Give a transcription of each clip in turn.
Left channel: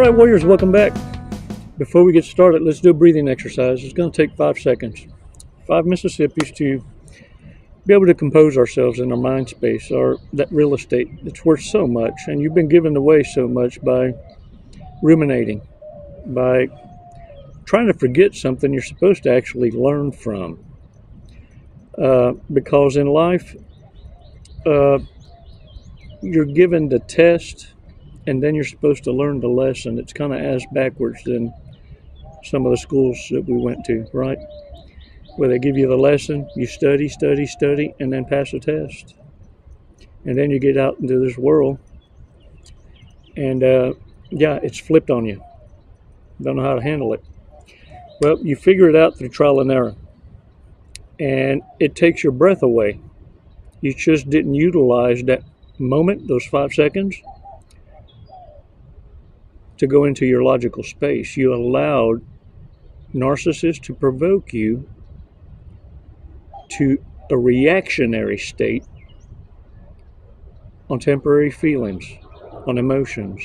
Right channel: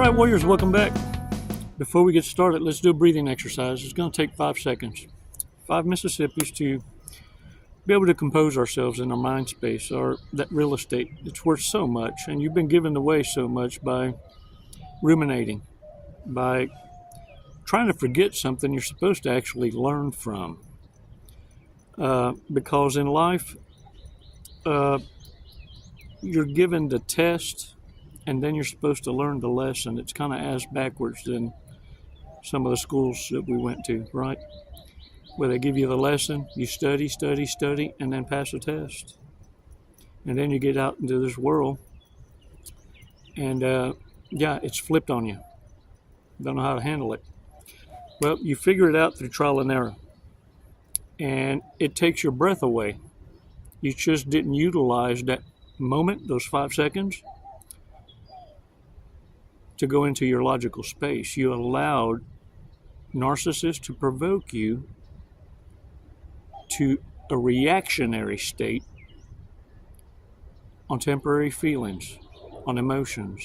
right, warriors, welcome back. Before we get started, let's do a breathing exercise. It's going to take 5 seconds. 5 Mississippis to be able to compose ourselves in our mind space, or that real estate. It's worth so much, and you've been given away so much by ruminating, by trying to forget something you're supposed to actually learn from. Because in life, you're given the test, and then you're supposed to learn the lesson. It's kind of ass backwards than some of the schools that we went to, right? Where they give you the lesson, you study, and then pass a test. And then you get out into this world, and it's flipped on you. Don't know how to handle it. Well, you figure it out through trial and error. And it takes your breath away. You just didn't utilize that moment, those 5 seconds, to go into your logical space. You allowed narcissists to provoke you to a reactionary state on temporary feelings, on emotions.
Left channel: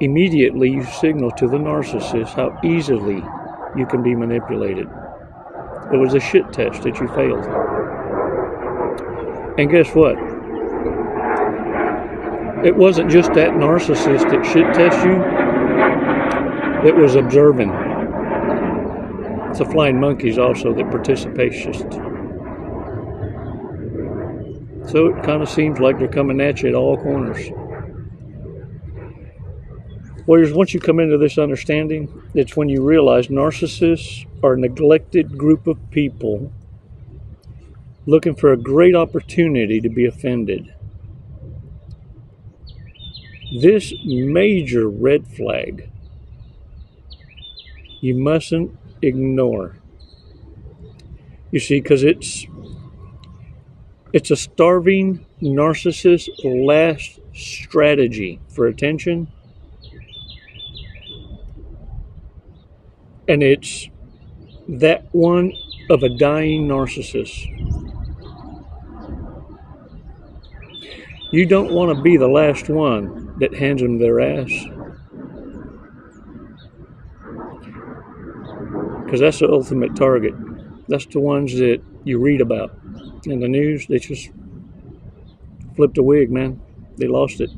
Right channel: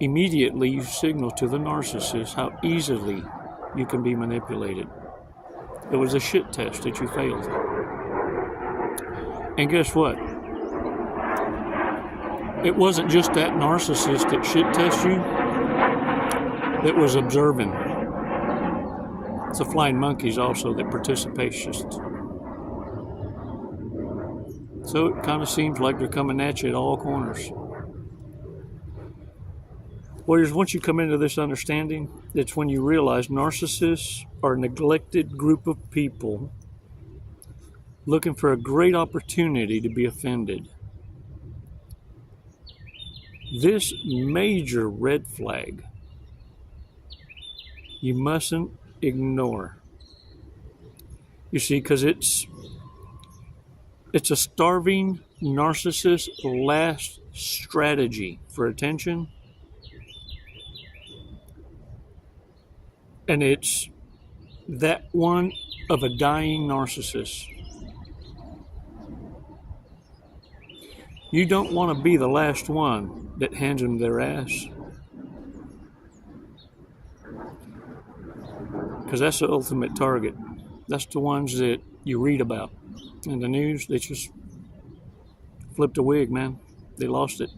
Immediately you signal to the narcissist how easily you can be manipulated. It was a shit test that you failed. And guess what? It wasn't just that narcissist that shit test you. It was observing. It's the flying monkeys also that participationists. So it kind of seems like they're coming at you at all corners. Warriors, once you come into this understanding, it's when you realize narcissists are a neglected group of people looking for a great opportunity to be offended. This major red flag you mustn't ignore. You see, because it's a starving narcissist's last strategy for attention. And it's that one of a dying narcissist. You don't want to be the last one that hands them their ass. Because that's the ultimate target. That's the ones that you read about in the news. They just flipped a wig, man. They lost it.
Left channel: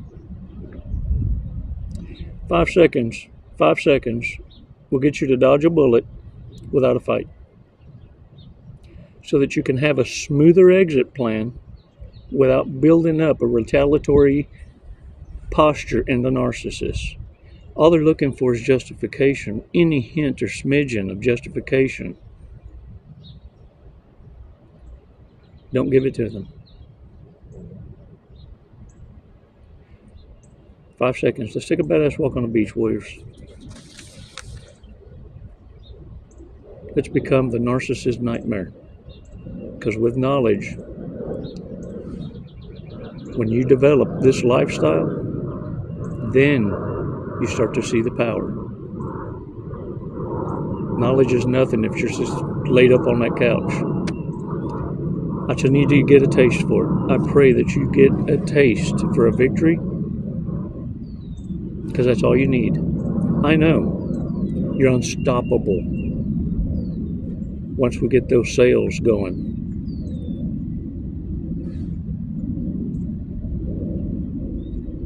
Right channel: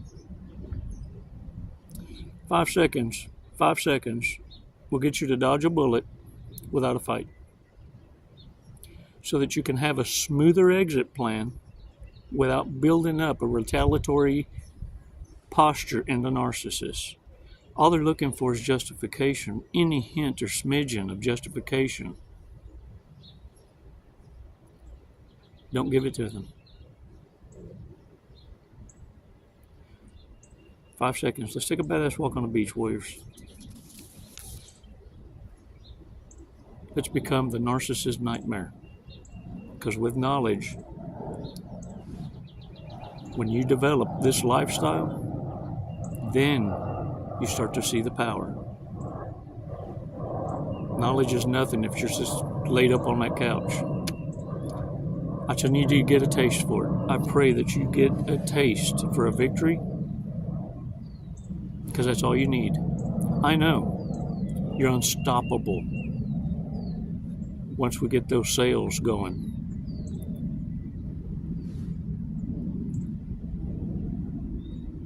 5 seconds. 5 seconds will get you to dodge a bullet without a fight. So that you can have a smoother exit plan without building up a retaliatory posture in the narcissist. All they're looking for is justification, any hint or smidgen of justification. Don't give it to them. 5 seconds. Let's take a badass walk on the beach, warriors. Let's become the narcissist nightmare. Because with knowledge, when you develop this lifestyle, then you start to see the power. Knowledge is nothing if you're just laid up on that couch. I just need you to get a taste for it. I pray that you get a taste for a victory, because that's all you need. I know you're unstoppable once we get those sales going.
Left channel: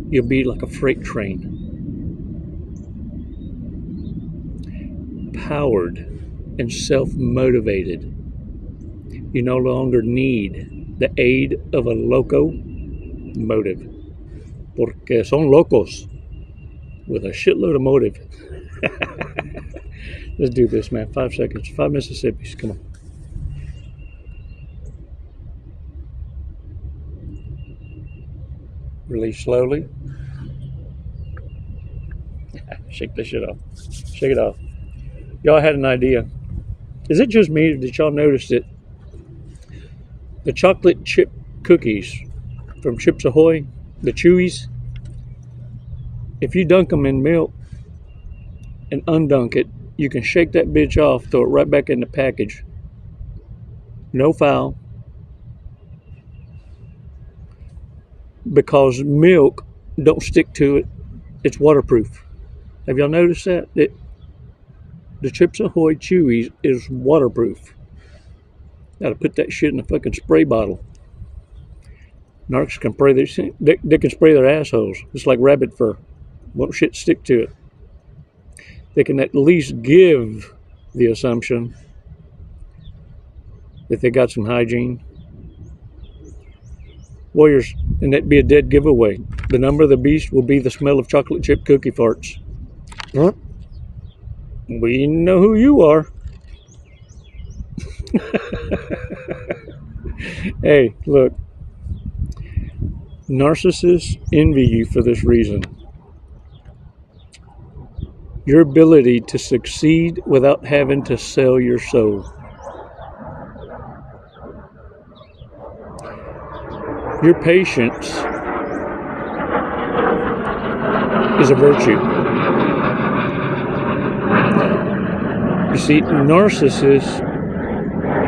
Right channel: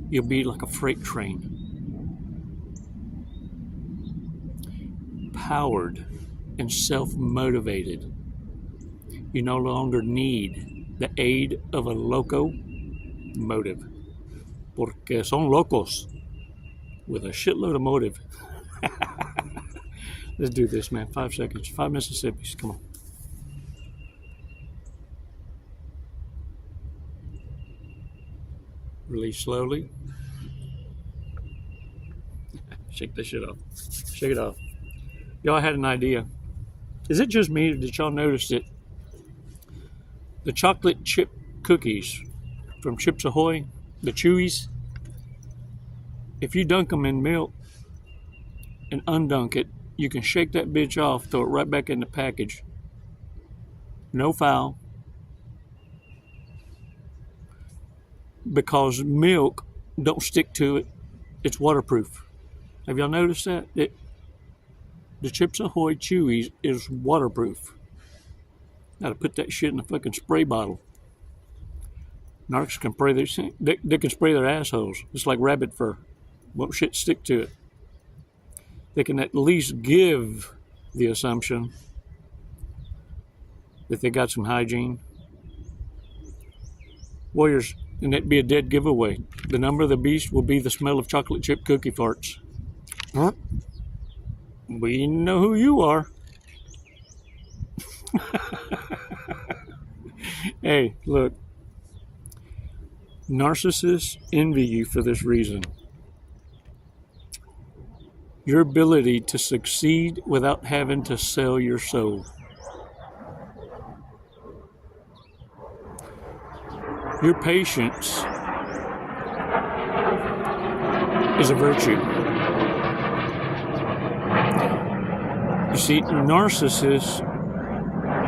You'll be like a freight train, powered and self-motivated. You no longer need the aid of a locomotive, porque son locos with a shitload of motive. Let's do this, man. 5 seconds. 5 Mississippis. Come on. Release slowly. Shake this shit off. Shake it off. Y'all had an idea. Is it just me, or did y'all notice that the chocolate chip cookies from Chips Ahoy, the Chewies, if you dunk them in milk and undunk it, you can shake that bitch off, throw it right back in the package. No foul. Because milk don't stick to it. It's waterproof. Have y'all noticed that? The Chips Ahoy Chewies is waterproof. Gotta put that shit in a fucking spray bottle. Narcs can spray they can spray their assholes. It's like rabbit fur. Won't shit stick to it. They can at least give the assumption that they got some hygiene. Warriors, and that'd be a dead giveaway. The number of the beast will be the smell of chocolate chip cookie farts. Huh? We know who you are. Hey, look. Narcissists envy you for this reason. Your ability to succeed without having to sell your soul. Your patience is a virtue. You see, narcissists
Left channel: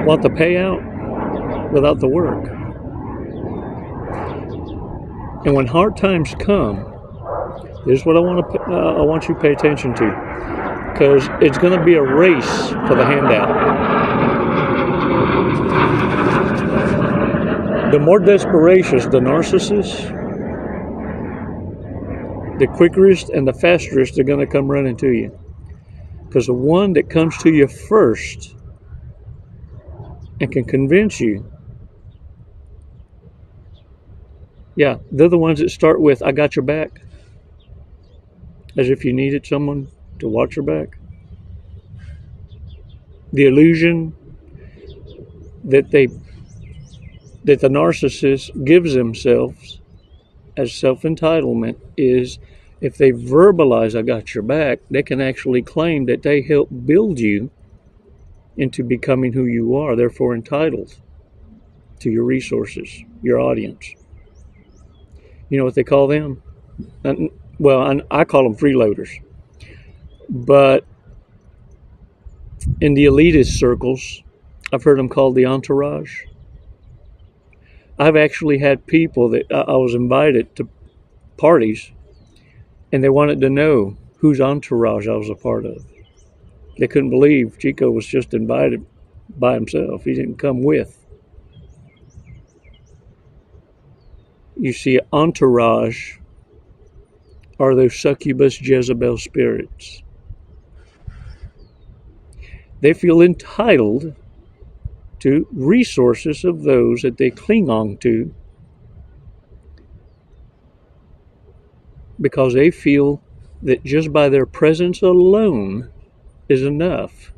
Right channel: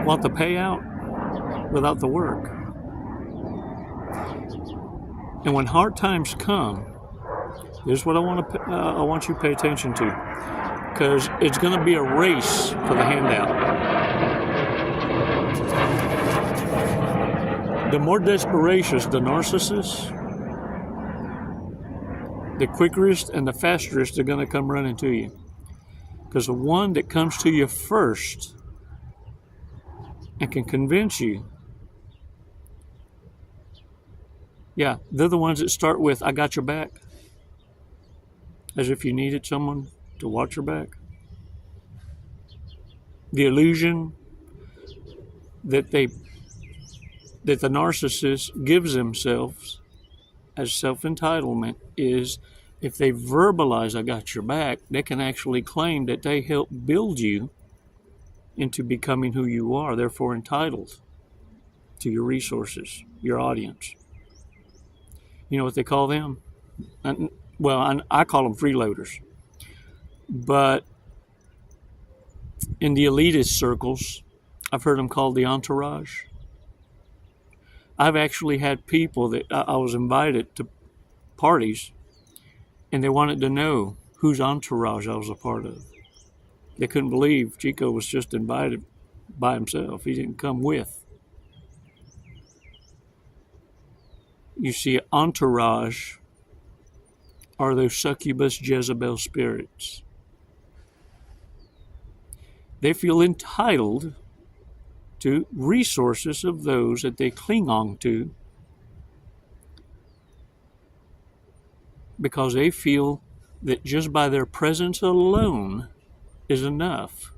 want the payout without the work. And when hard times come, this is what I want you to pay attention to, because it's going to be a race for the handout. The more desperacious the narcissist, the quickest and the fastest they're going to come running to you. Because the one that comes to you first and can convince you, yeah, they're the ones that start with, I got your back. As if you needed someone to watch your back. The illusion that the narcissist gives themselves as self-entitlement is, if they verbalize, I got your back, they can actually claim that they helped build you into becoming who you are, therefore entitled to your resources, your audience. You know what they call them? Well, I call them freeloaders. But in the elitist circles, I've heard them called the entourage. I've actually had people that I was invited to parties, and they wanted to know whose entourage I was a part of. They couldn't believe Chico was just invited by himself. He didn't come with. You see, entourage are those succubus Jezebel spirits. They feel entitled to resources of those that they cling on to because they feel that just by their presence alone is enough.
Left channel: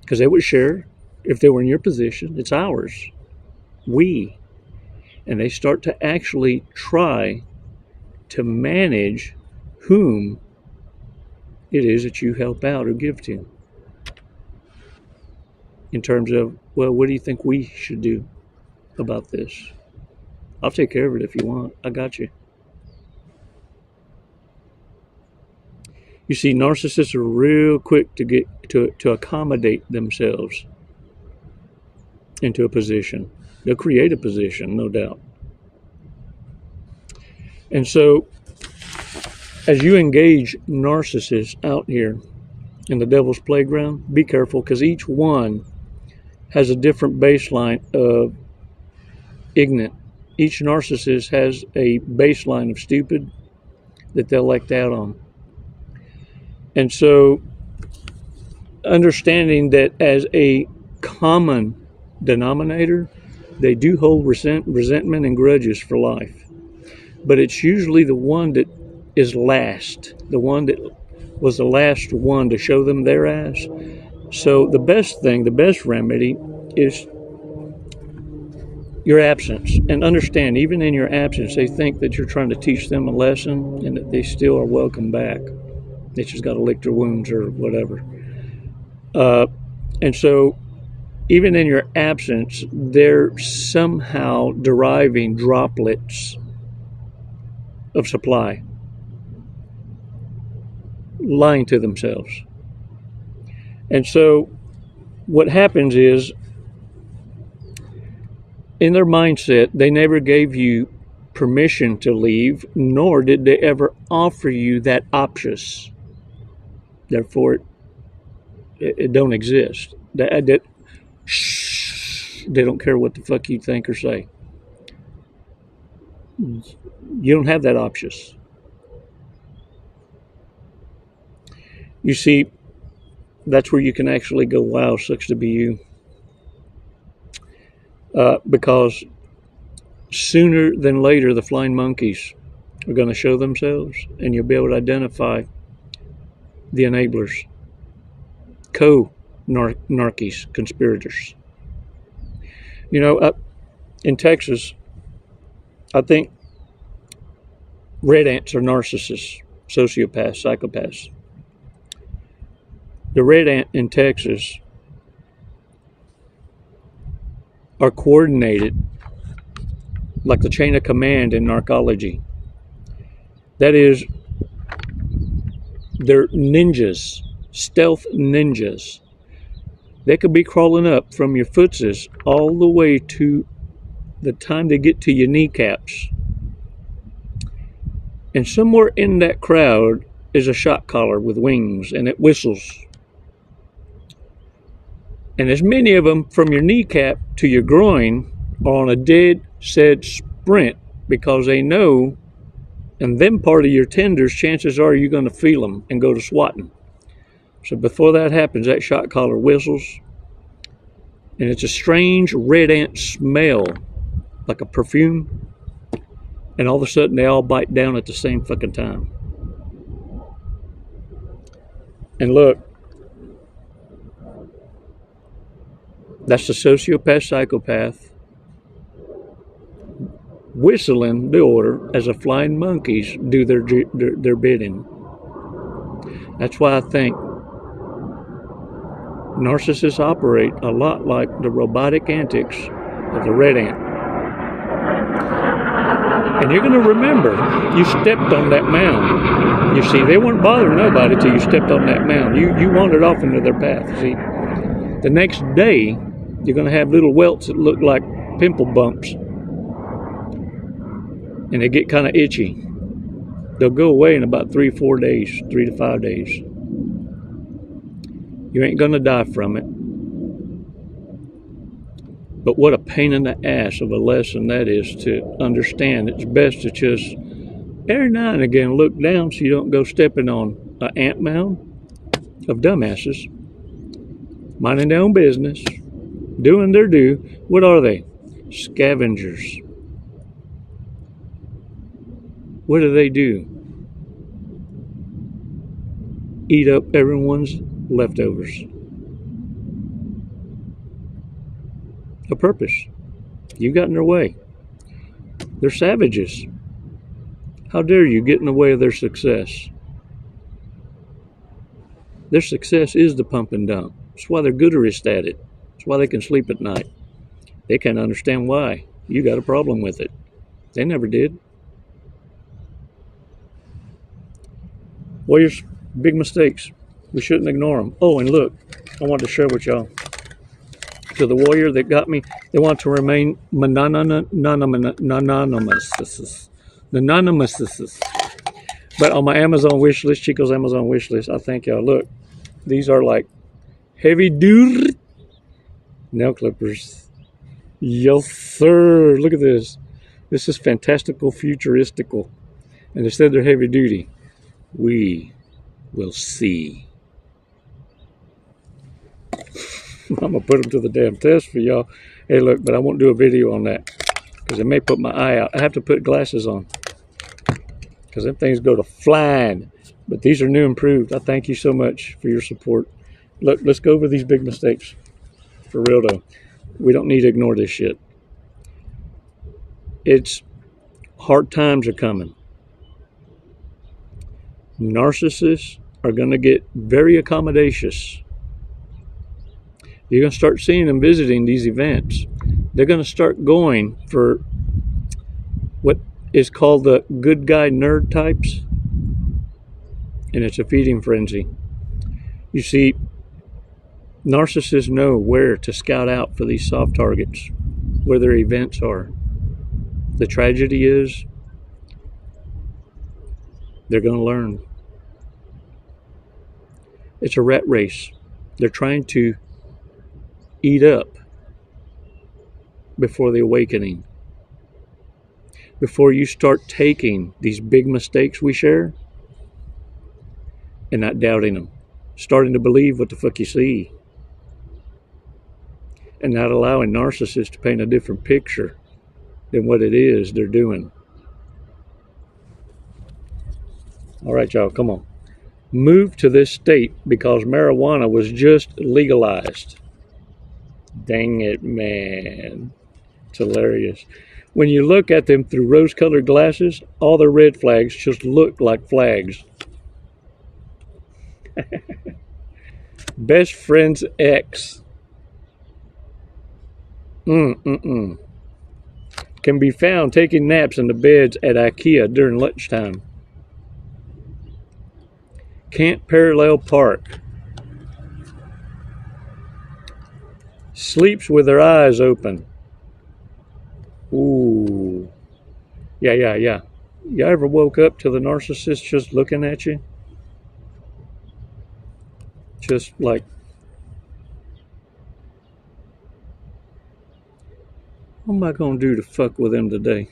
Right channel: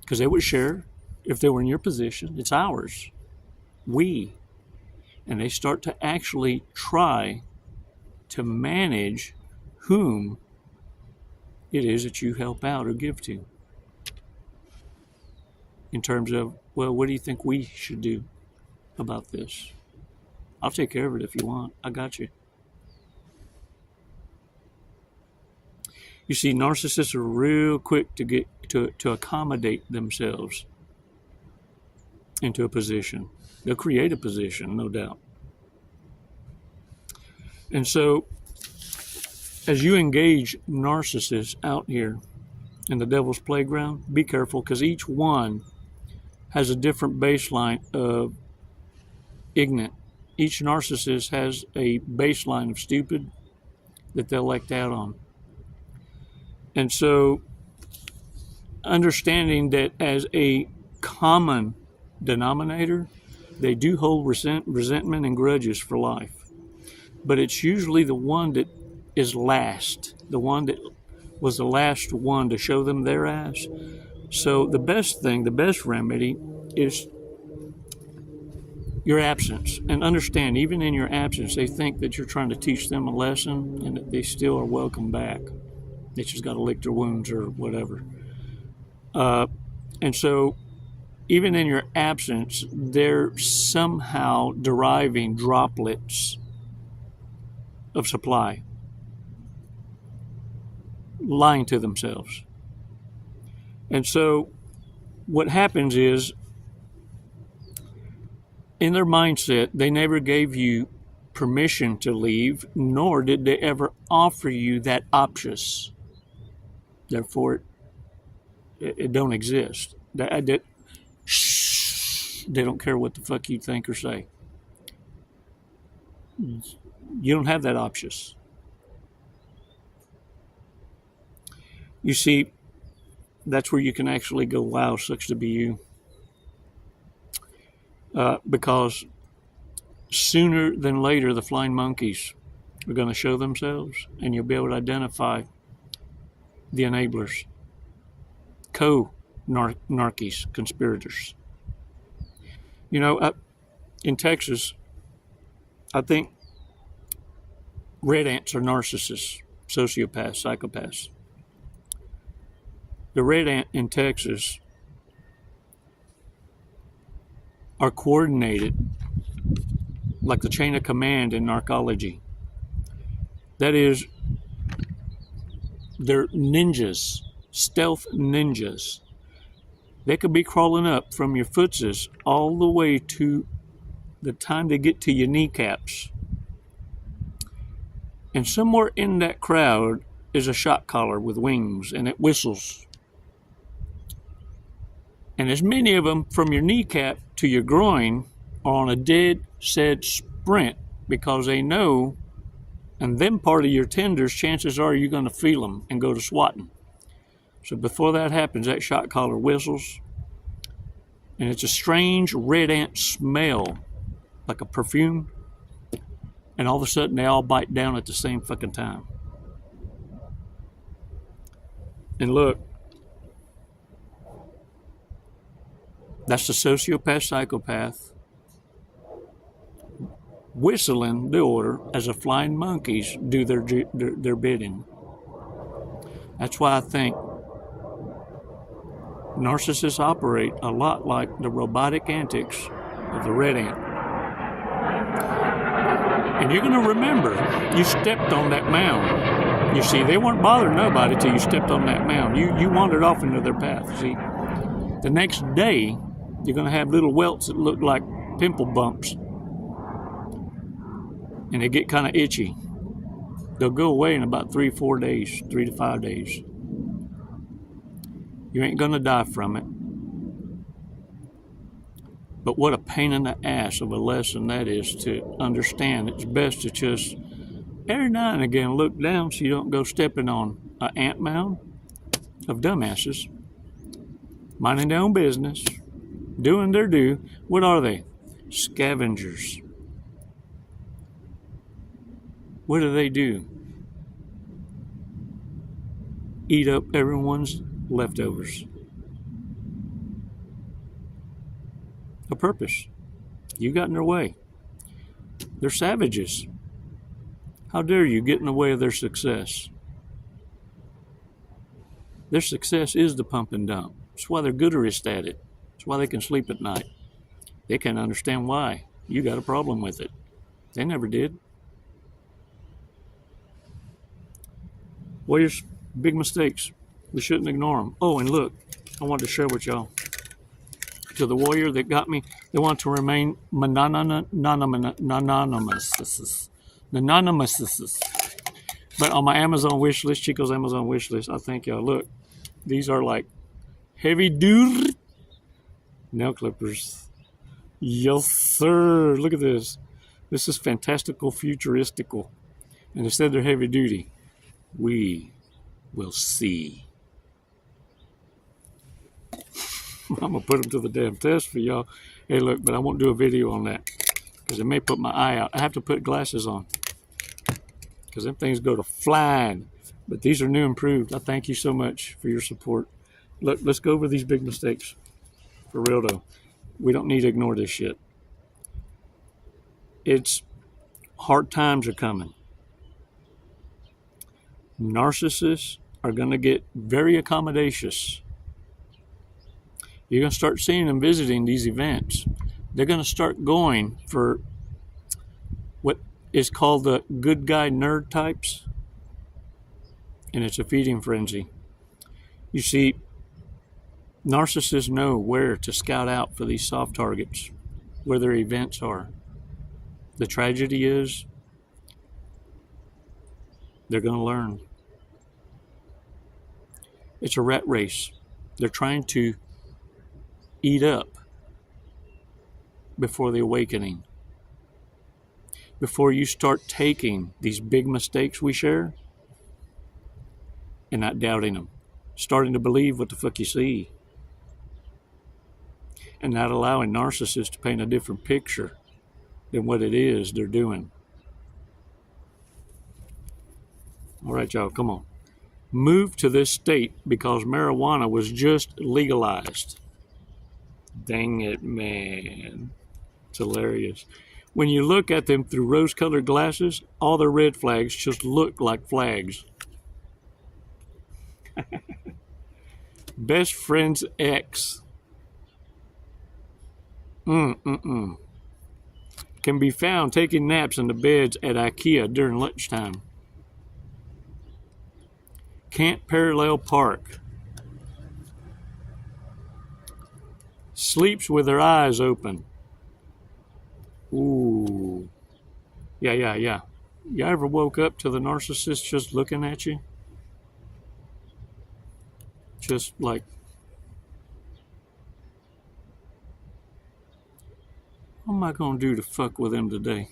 Because they would share, if they were in your position, it's ours. We. And they start to actually try to manage whom it is that you help out or give to. In terms of, well, what do you think we should do about this? I'll take care of it if you want. I got you. You see, narcissists are real quick to get to accommodate themselves into a position. They'll create a position, no doubt. And so, as you engage narcissists out here in the devil's playground, be careful, because each one has a different baseline of ignorant. Each narcissist has a baseline of stupid that they'll act out on. And so, understanding that as a common denominator, they do hold resentment and grudges for life. But it's usually the one that is last, the one that was the last one to show them their ass. So the best thing, the best remedy is your absence. And understand, even in your absence, they think that you're trying to teach them a lesson and that they still are welcome back. They just got to lick their wounds or whatever. And so even in your absence, they're somehow deriving droplets of supply, lying to themselves. And so what happens is, in their mindset, they never gave you permission to leave, nor did they ever offer you that option. Therefore, it don't exist. They don't care what the fuck you think or say. You don't have that option. You see, that's where you can actually go, wow, sucks to be you. Because sooner than later, the flying monkeys are going to show themselves, and you'll be able to identify the enablers, narcissists, conspirators. You know, in Texas, I think red ants are narcissists, sociopaths, psychopaths. The red ant in Texas are coordinated like the chain of command in narcology. That is, they're ninjas, stealth ninjas. They could be crawling up from your footses all the way to the time they get to your kneecaps. And somewhere in that crowd is a shot collar with wings, and it whistles. And as many of them from your kneecap to your groin are on a dead set sprint, because they know, and them part of your tenders, chances are you're going to feel them and go to swatting. So before that happens, that shot collar whistles, and it's a strange red ant smell, like a perfume, and all of a sudden they all bite down at the same fucking time. And look, that's the sociopath, psychopath, whistling the order as the flying monkeys do their bidding. That's why I think narcissists operate a lot like the robotic antics of the red ant. And you're going to remember you stepped on that mound. You see, they weren't bothering nobody till you stepped on that mound. You wandered off into their path. See, the next day, you're going to have little welts that look like pimple bumps. And they get kind of itchy. They'll go away in about 3 to 5 days. You ain't going to die from it. But what a pain in the ass of a lesson that is to understand. It's best to just every now and again look down so you don't go stepping on an ant mound of dumbasses, minding their own business, doing their due. What are they? Scavengers. What do? Eat up everyone's leftovers. A purpose. You got in their way. They're savages. How dare you get in the way of their success? Their success is the pump and dump. That's why they're gooderist at it. That's why they can sleep at night. They can't understand why. You got a problem with it. They never did. Warriors, big mistakes. We shouldn't ignore them. Oh, and look, I wanted to share with y'all. To the warrior that got me, they want to remain anonymous. But on my Amazon wish list, Chico's Amazon wish list, I thank y'all. Look, these are like heavy duty nail clippers. Yes, sir. Look at this. This is fantastical, futuristical. And instead they're heavy duty. We will see. I'm going to put them to the damn test for y'all. Hey, look, but I won't do a video on that because it may put my eye out. I have to put glasses on because them things go to flying. But these are new and improved. I thank you so much for your support. Look, let's go over these big mistakes. For real, though. We don't need to ignore this shit. It's hard times are coming. Narcissists are going to get very accommodations. You're going to start seeing them visiting these events. They're going to start going for what is called the good guy nerd types. And it's a feeding frenzy. You see, narcissists know where to scout out for these soft targets, where their events are. The tragedy is They're going to learn. It's a rat race. They're trying to eat up before the awakening. Before you start taking these big mistakes we share and not doubting them, starting to believe what the fuck you see, and not allowing narcissists to paint a different picture than what it is they're doing. All right, y'all, come on. Move to this state because marijuana was just legalized. Dang it, man. It's hilarious. When you look at them through rose-colored glasses, all the red flags just look like flags. Best friend's ex. Can be found taking naps in the beds at IKEA during lunchtime. Can't parallel park. Sleeps with their eyes open. Ooh. Yeah. You ever woke up to the narcissist just looking at you? Just like, what am I going to do to fuck with them today?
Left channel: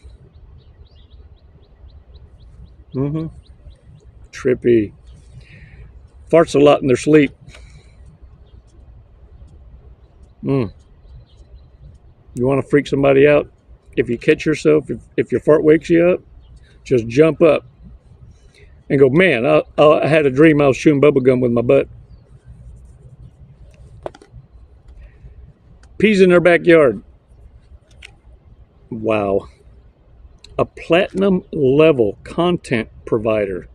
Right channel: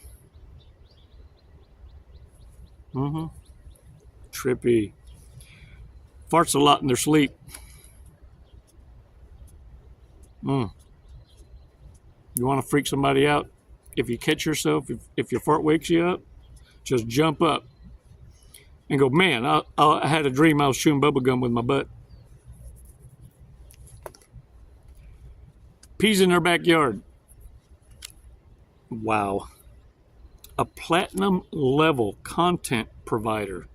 Trippy. Farts a lot in their sleep. You want to freak somebody out? If you catch yourself, if your fart wakes you up, just jump up and go, man, I had a dream I was chewing bubblegum with my butt. Peas in their backyard. Wow. A platinum level content provider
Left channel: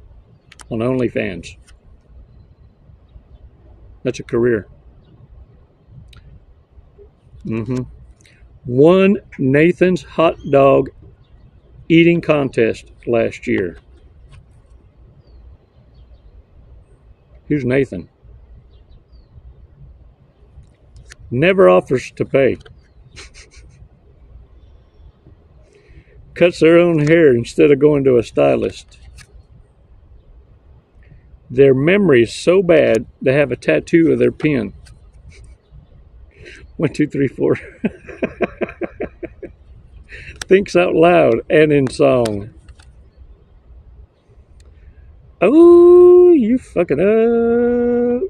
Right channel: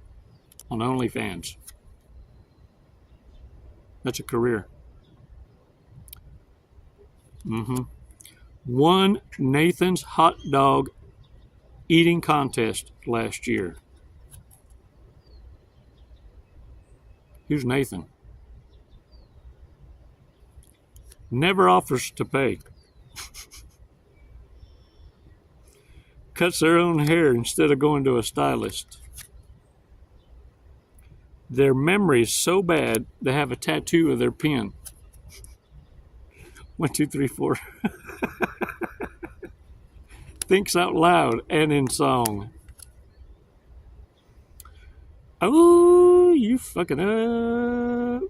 on OnlyFans. That's a career. Won Nathan's hot dog eating contest last year. Who's Nathan? Never offers to pay. Cuts their own hair instead of going to a stylist. Their memory is so bad they have a tattoo of their pen. 1, 2, 3, 4. Thinks out loud and in song. Oh, you fucking up.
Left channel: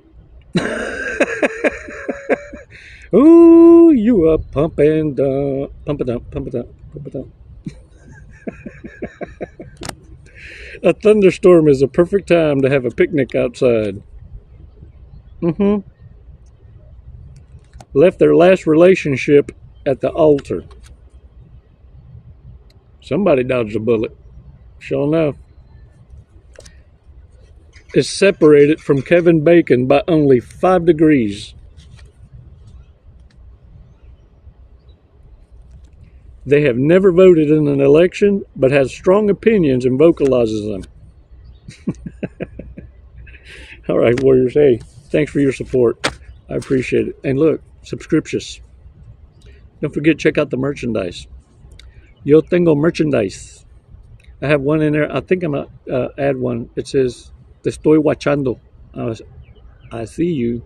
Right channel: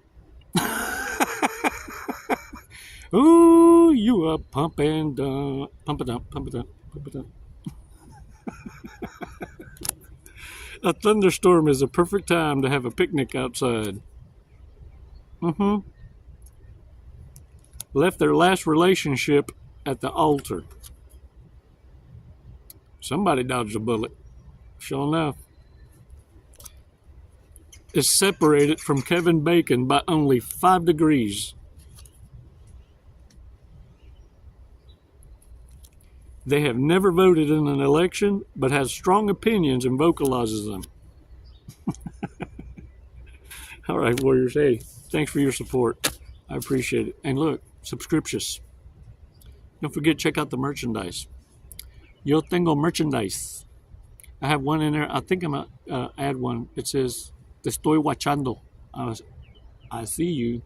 Oh, you a pump and dump. Pump it up, pump it up, pump it up. A thunderstorm is a perfect time to have a picnic outside. Left their last relationship at the altar. Somebody dodged a bullet. Sure enough. Is separated from Kevin Bacon by only 5 degrees. They have never voted in an election, but has strong opinions and vocalizes them. All right, warriors. Hey, thanks for your support. I appreciate it. And look, subscriptions. Don't forget, check out the merchandise. Yo tengo merchandise. I have one in there. I think I'm going to add one. It says, Te estoy watchando. I see you.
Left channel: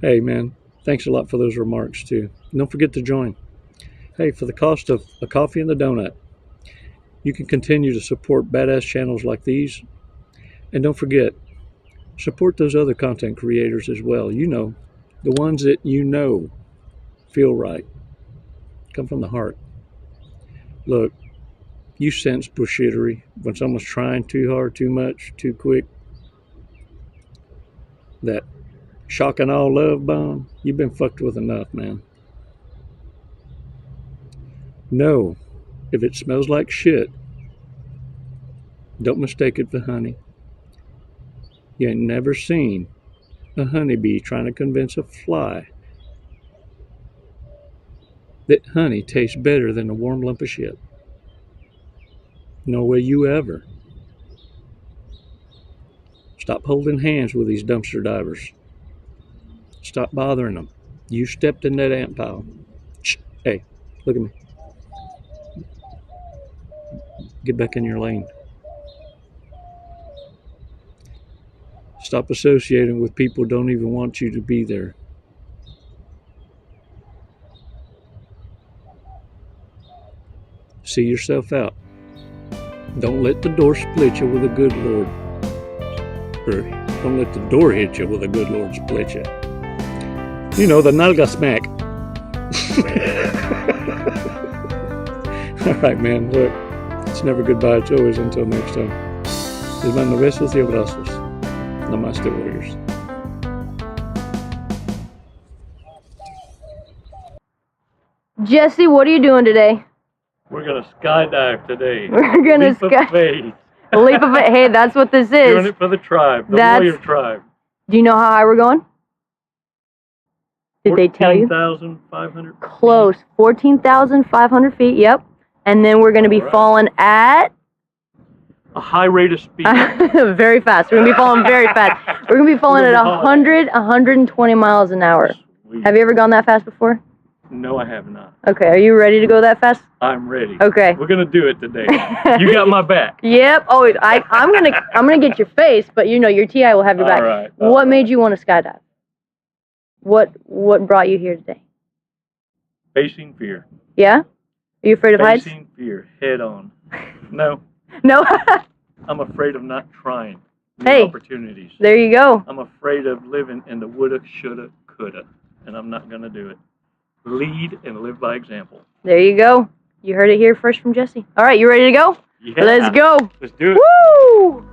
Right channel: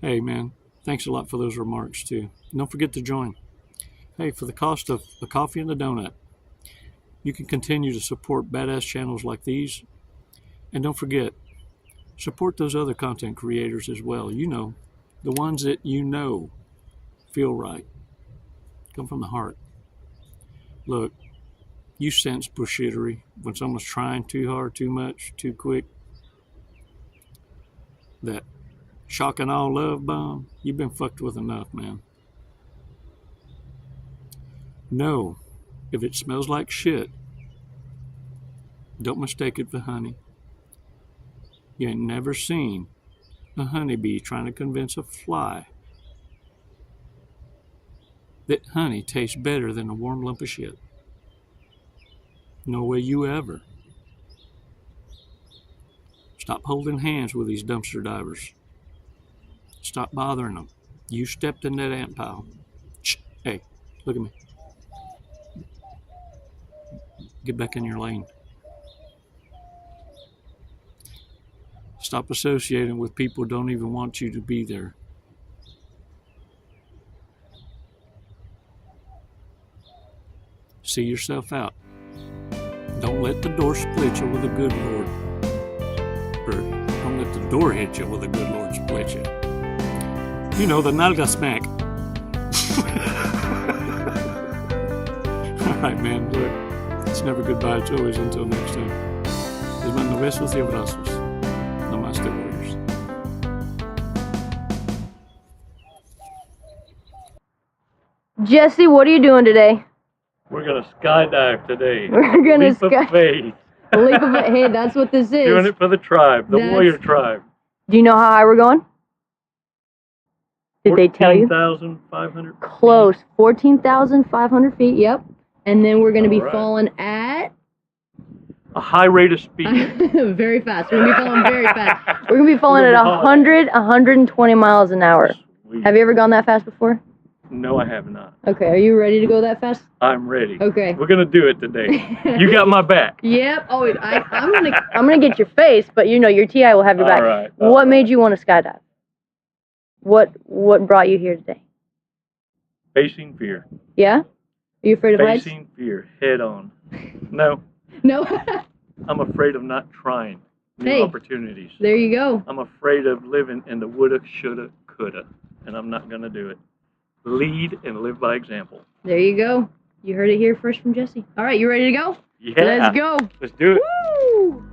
Hey, man. Thanks a lot for those remarks, too. Don't forget to join. Hey, for the cost of a coffee and a donut, you can continue to support badass channels like these. And don't forget, support those other content creators as well. You know, the ones that you know feel right. Come from the heart. Look, you sense bullshittery when someone's trying too hard, too much, too quick. That shock and all love bomb, you've been fucked with enough, man. No, if it smells like shit, don't mistake it for honey. You ain't never seen a honeybee trying to convince a fly that honey tastes better than a warm lump of shit. No way you ever. Stop holding hands with these dumpster divers. Stop bothering them. You stepped in that ant pile. Shh. Hey, look at me. Get back in your lane. Stop associating with people who don't even want you to be there. See yourself out. Don't let the door split you with a good Lord. Or don't let the door hit you with a good Lord split you. You know, the nalga smack. All right, man. Look, it's never goodbye. It's always until next time. Les mando besos y abrazos. Namaste, warriors. Jesse, what are you doing today? We're gonna skydive today. We're gonna leap of faith. Leap of faith. Hey, that's what this is. Doing it for the tribe, the warrior tribe. Do you know how high we're going? Did they tell you? 14,500. Close. 14,500 feet. Yep. And then we're gonna be falling at a high rate of speed. Very fast. We're gonna be falling very fast. We're gonna be falling at 120 miles an hour. Sweet. Have you ever gone that fast before? No, I have not. Okay, are you ready to go that fast? I'm ready. Okay. We're gonna do it today. You got my back. Yep. Oh, I'm gonna get your face, but you know your TI will have your back. All right. What made you want to skydive? What brought you here today? Facing fear. Yeah? Are you afraid of heights? Facing fear head on. No. No. I'm afraid of not trying new opportunities. There you go. I'm afraid of living in the woulda, shoulda, coulda, and I'm not gonna do it. Lead and live by example. There you go. You heard it here first from Jesse. All right, you ready to go? Yeah. Let's go. Let's do it. Woo!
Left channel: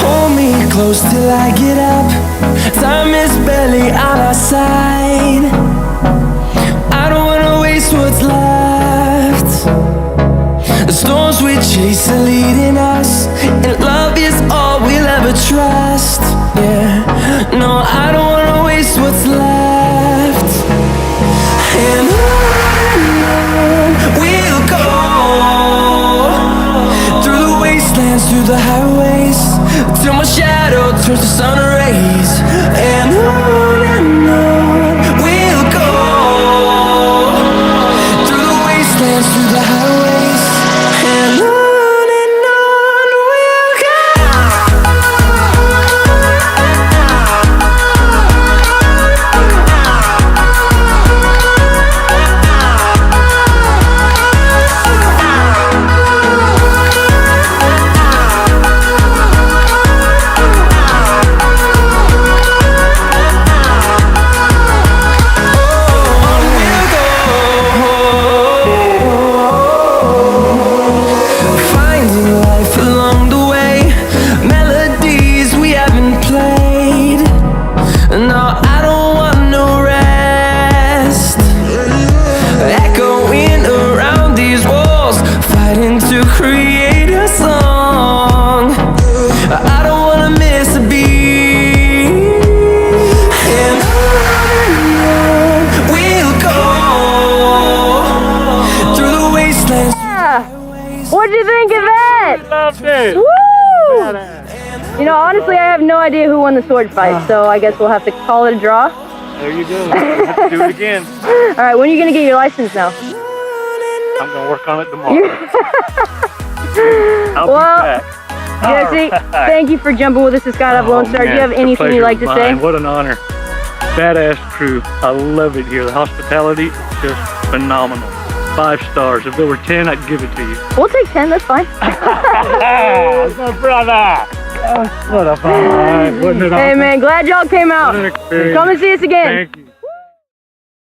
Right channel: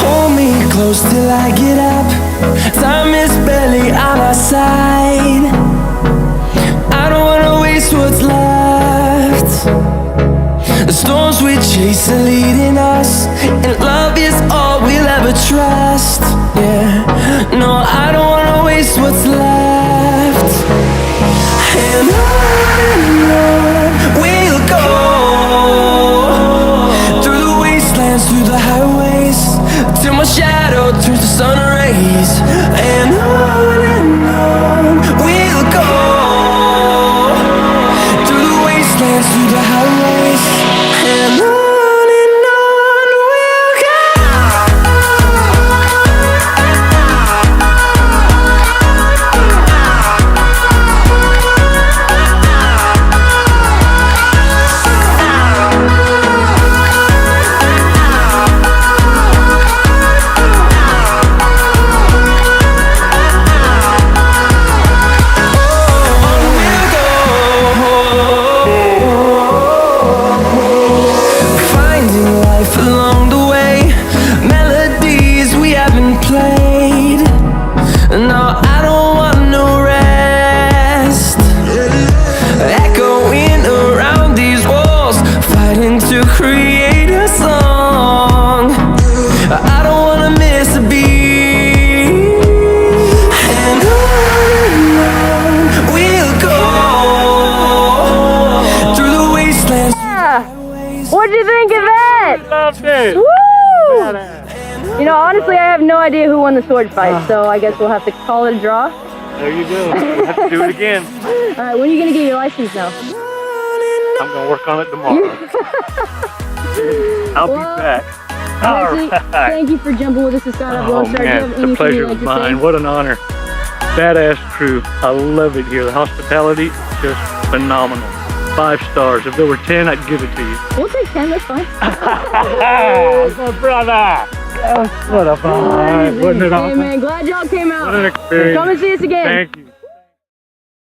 Hold me close till I get up. Time is barely on our side. I don't wanna waste what's left. The storms we chase are leading us, and love is all we'll ever trust. Yeah, no, I don't wanna waste what's left. And on we'll go, through the wastelands, through the highways, till my shadow turns to sun rays. And on we'll go, through the wastelands, through the highways, and on we'll go. Along the way, melodies we haven't played. No, I don't want no rest. Echoing around these walls, fighting to create a song. I don't wanna miss a beat. And on we'll go, through the wastelands. What'd you think of that? Loved it. Woo! You know, honestly, I have no idea who won the sword fight, so I guess we'll have to call it a draw. There you go. We'll have to do it again. All right, when are you going to get your license now? I'm going to work on it tomorrow. I'll be back. Jesse, thank you for jumping with us at Skydive Lone Star. Do you have anything you'd like to say? What an honor. Badass crew. I love it here. The hospitality, just phenomenal. 5 stars. If there were 10, I'd give it to you. We'll take 10, that's fine. My brother. What a fun. Wasn't it awesome? Hey man, glad y'all came out. What an experience. Come and see us again. Thank you.